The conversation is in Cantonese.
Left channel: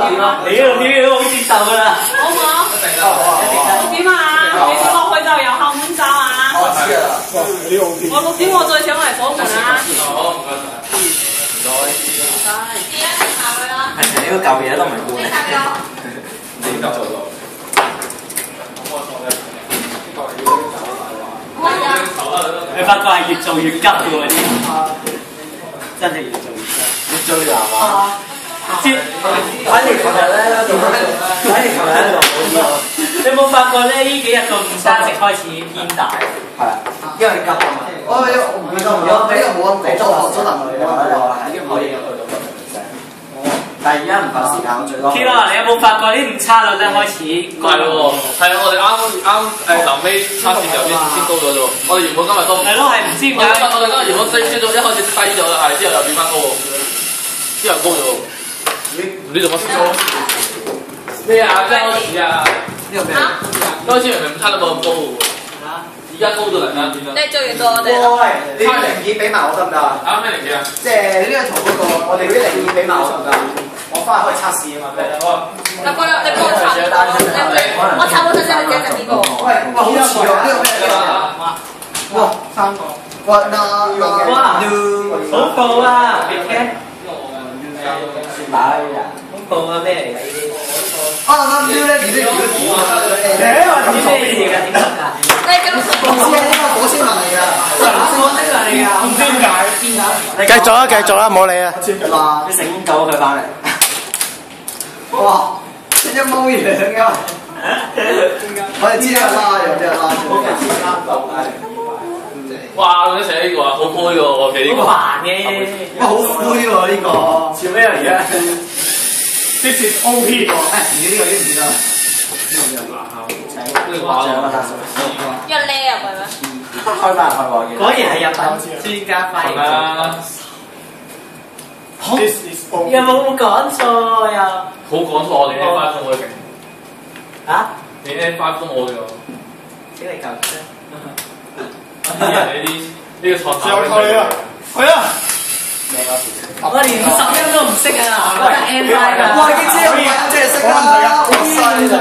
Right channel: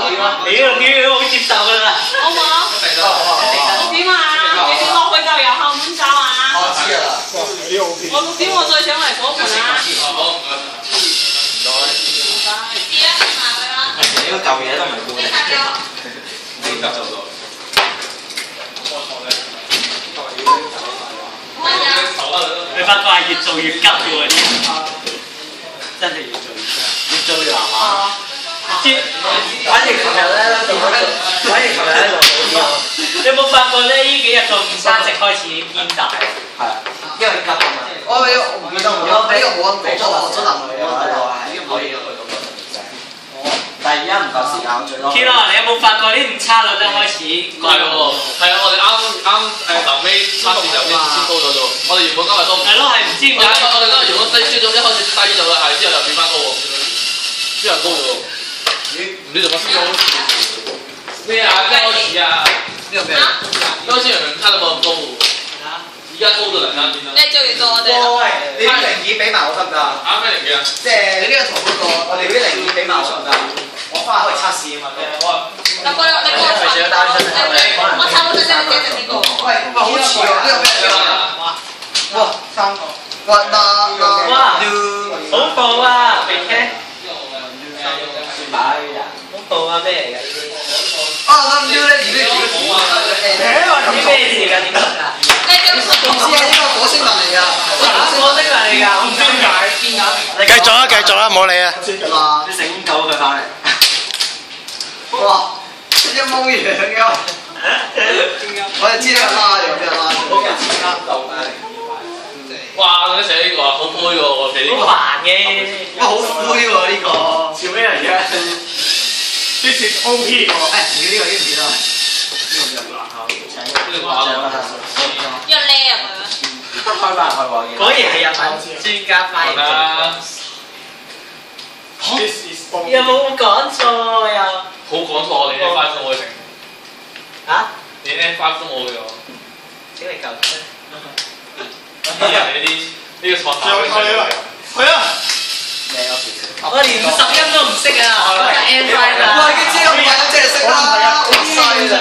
你好接受㗎啦。好唔好？6點啊！6點落去就有後門站啊！我6點我再上嚟火門啊！好，唔該曬。唔該。記得食埋佢啦。你嗰嚿嘢都唔係呢應得做到。乜呀？你發覺係越做越急嘅喎，真係越做越急，越做越難玩。反正琴日咧，你有冇發覺咧？呢幾日個午餐食開始偏大。係。因為急。我呢個冇咁講，我真係冇喺度可以去到。但係而家唔夠時間最多。Kilo 你有冇發覺啲誤差率咧開始？唔係喎，係啊！我哋啱臨尾測試就先高咗啫喎。我哋原本今日都係咯，係唔知點解。我哋今日原本一開始低咗嘅，係之後又變翻高喎，之後高咗喎。唔知做乜事咯？咩啊？一開始啊？呢個咩？一開始明明測得冇咁高嘅喎。而家高到突然間變得。你做完到我哋啦。喂，你啲零件俾埋我得唔得啊？啊咩零件啊？即係呢個同嗰個，我哋嗰啲零件俾埋我得唔得？我翻去可以測試啊嘛。你幫我查，我查冇睇先，你自己整呢個。喂，好似喎，呢個咩嚟㗎？哇，3個。哇，好酷啊！你聽。好酷啊！咩嚟㗎？啊，諗住咧，而家如果點啊？知咩事㗎？點得㗎？你咁唔知啊，呢個火星文嚟㗎。火星文嚟㗎，唔知點解。繼續啦，唔好理啊！哇！你成功救佢翻嚟。哇！一模一樣㗎。我哋知呢個啦，有啲人啦。哇！佢寫呢個啊，好灰喎，我記呢個。好煩嘅。哇！好灰喎呢個。笑咩嚟嘅？This is OP 喎。誒，而家呢個已經唔見啦。一叻入去咩？開翻開喎。果然係日文專家翻譯。有冇講錯又？好講錯，我連 A5 都冇成。嚇？連 A5 都冇嘅喎。請你救啫。啲人呢個創作嘅係啊！我連10音都唔識啊！我係 N5 㗎。我已經知道。